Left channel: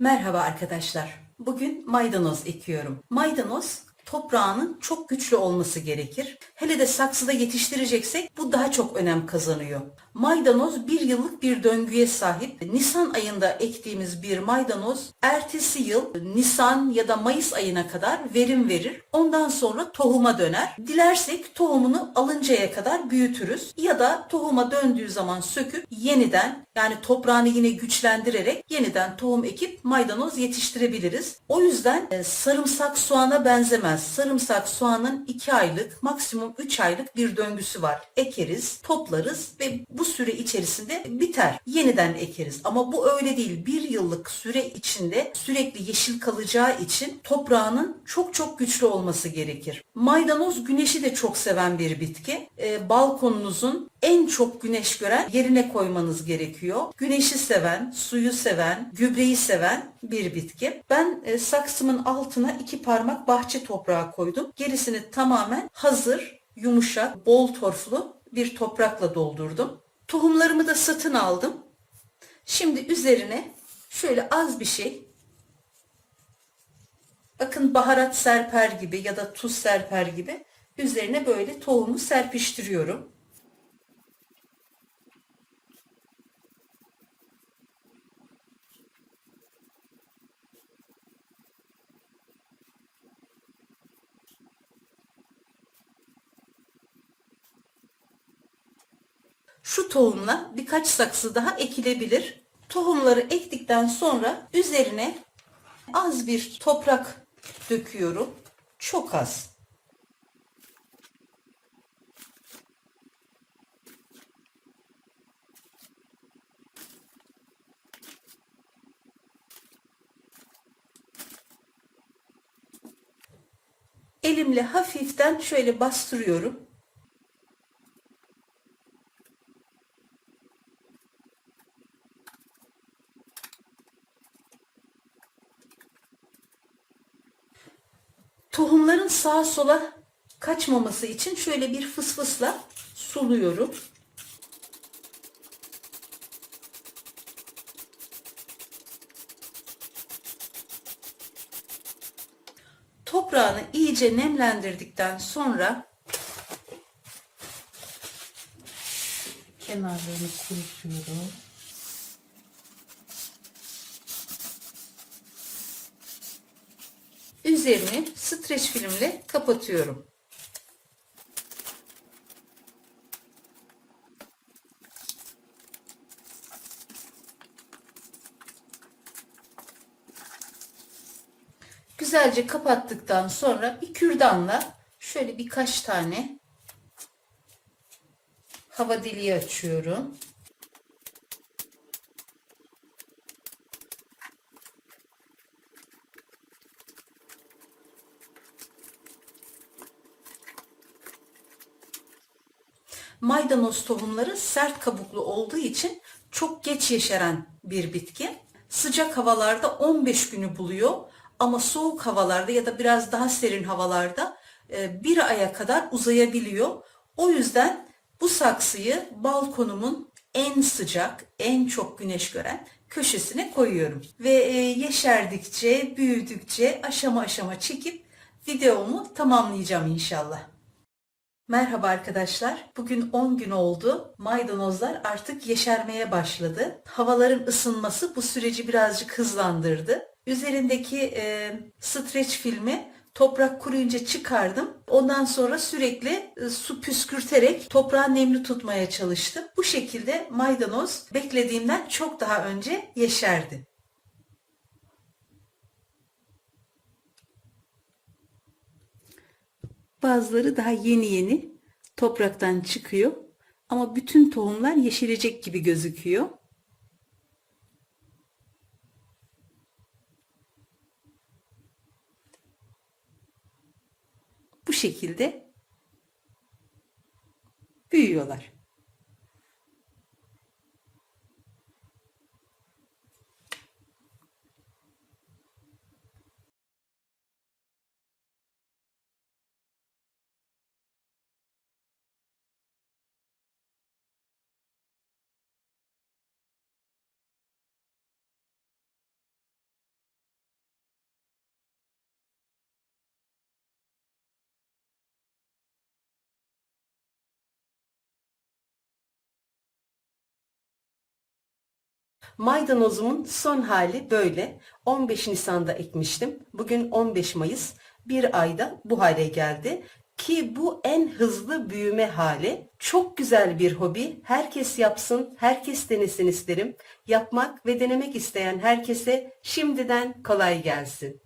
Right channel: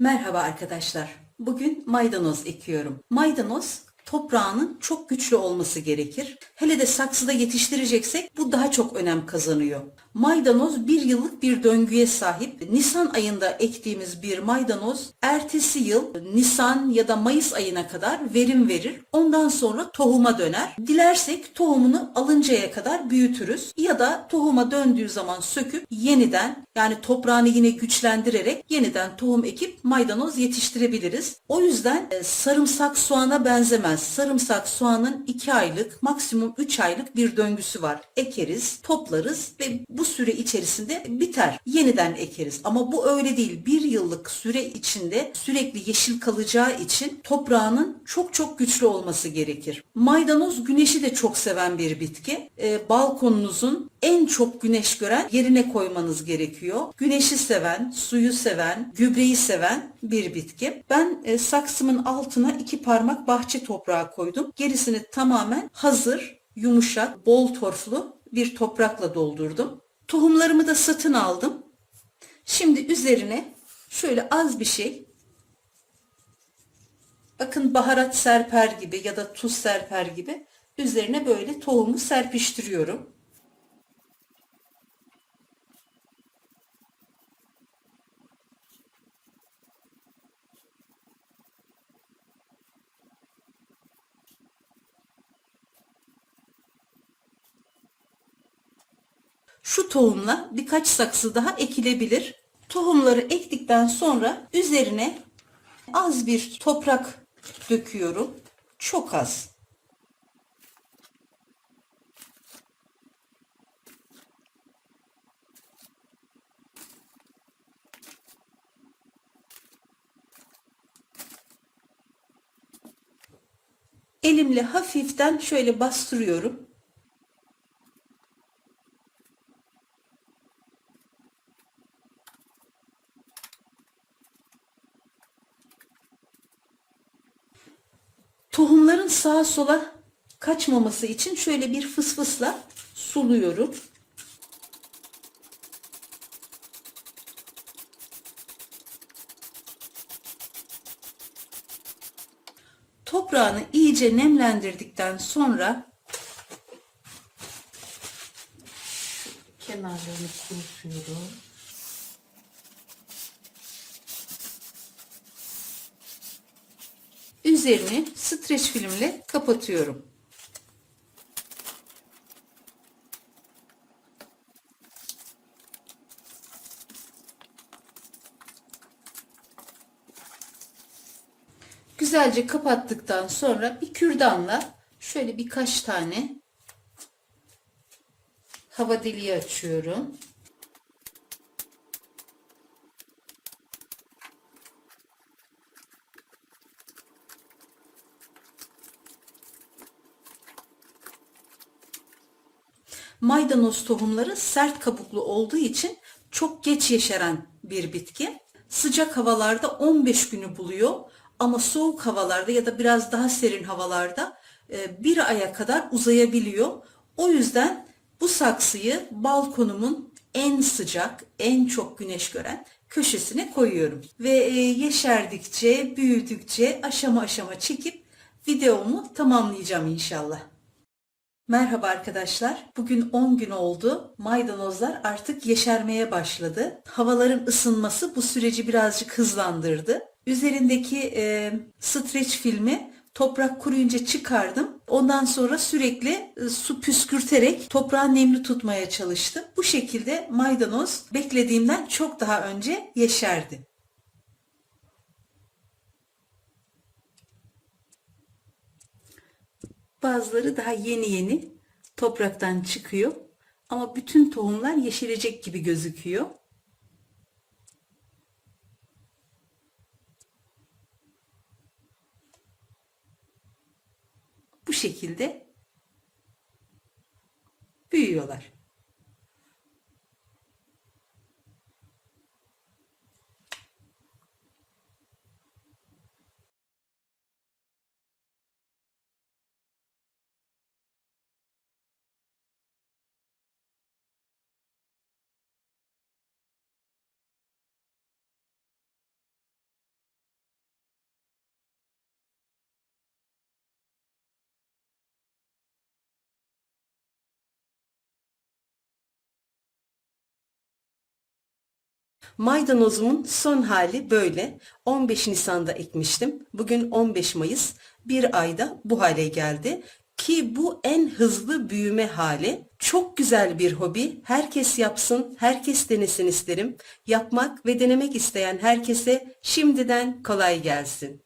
Merhaba arkadaşlar. Bugün maydanoz ekiyorum. Maydanoz toprağının çok güçlü olması gerekir. Hele de saksıda yetiştireceksek bu daha çok önem kazanıyor. Maydanoz bir yıllık bir döngüye sahip. Nisan ayında ektiğimiz bir maydanoz ertesi yıl Nisan ya da Mayıs ayına kadar verim verir. Ondan sonra tohuma döner. Dilersek tohumunu alıncaya kadar büyütürüz ya da tohuma döndüğü zaman söküp yeniden yani toprağını yine güçlendirerek yeniden tohum ekip maydanoz yetiştirebiliriz. O yüzden e, sarımsak soğana benzemez. Sarımsak soğanın 2 aylık maksimum 3 aylık bir döngüsü var. Ekeriz, toplarız ve bu süre içerisinde biter. Yeniden ekeriz. Ama bu öyle değil. Bir yıllık süre içinde sürekli yeşil kalacağı için toprağının çok çok güçlü olması gerekir. Maydanoz güneşi de çok seven bir bitki. E, balkonunuzun en çok güneş gören yerine koymanız gerekiyor. Güneşi seven, suyu seven, gübreyi seven bir bitki. Ben e, saksımın altına iki parmak bahçe toprağı koydum. Gerisini tamamen hazır, yumuşak, bol torflu bir toprakla doldurdum. Tohumlarımı da satın aldım. Şimdi üzerine şöyle az bir şey bakın baharat serper gibi ya da tuz serper gibi üzerine böyle tohumu serpiştiriyorum. Şu tohumla birkaç saksı daha ekilebilir. Tohumları ektikten sonra üzerine az bir toprak döküyorum. Çok az. Elimle hafiften şöyle bastırıyorum. Tohumların sağa sola kaçmaması için şöyle bir fısfısla suluyorum. Toprağını iyice nemlendirdikten sonra Kenarlarını kurutuyorum. Üzerini streç filmle kapatıyorum. Güzelce kapattıktan sonra bir kürdanla şöyle birkaç tane hava deliği açıyorum. Maydanoz tohumları sert kabuklu olduğu için çok geç yeşeren bir bitki. Sıcak havalarda 15 günü buluyor ama soğuk havalarda ya da biraz daha serin havalarda e, bir aya kadar uzayabiliyor. O yüzden bu saksıyı balkonumun en sıcak, en çok güneş gören köşesine koyuyorum. Ve e, yeşerdikçe, büyüdükçe aşama aşama çekip videomu tamamlayacağım inşallah. Merhaba arkadaşlar. Bugün 10 gün oldu. Maydanozlar artık yeşermeye başladı. Havaların ısınması bu süreci birazcık hızlandırdı. Üzerindeki e, streç filmi toprak kuruyunca çıkardım. Ondan sonra sürekli e, su püskürterek toprağı nemli tutmaya çalıştım. Bu şekilde maydanoz beklediğimden çok daha önce yeşerdi. Bazıları daha yeni yeni topraktan çıkıyor. Ama bütün tohumlar yeşerecek gibi gözüküyor. Bu şekilde büyüyorlar. Maydanozumun son hali böyle. 15 Nisan'da ekmiştim. Bugün 15 Mayıs. Bir ayda bu hale geldi. Ki bu en hızlı büyüme hali. Çok güzel bir hobi. Herkes yapsın, herkes denesin isterim. Yapmak ve denemek isteyen herkese şimdiden kolay gelsin.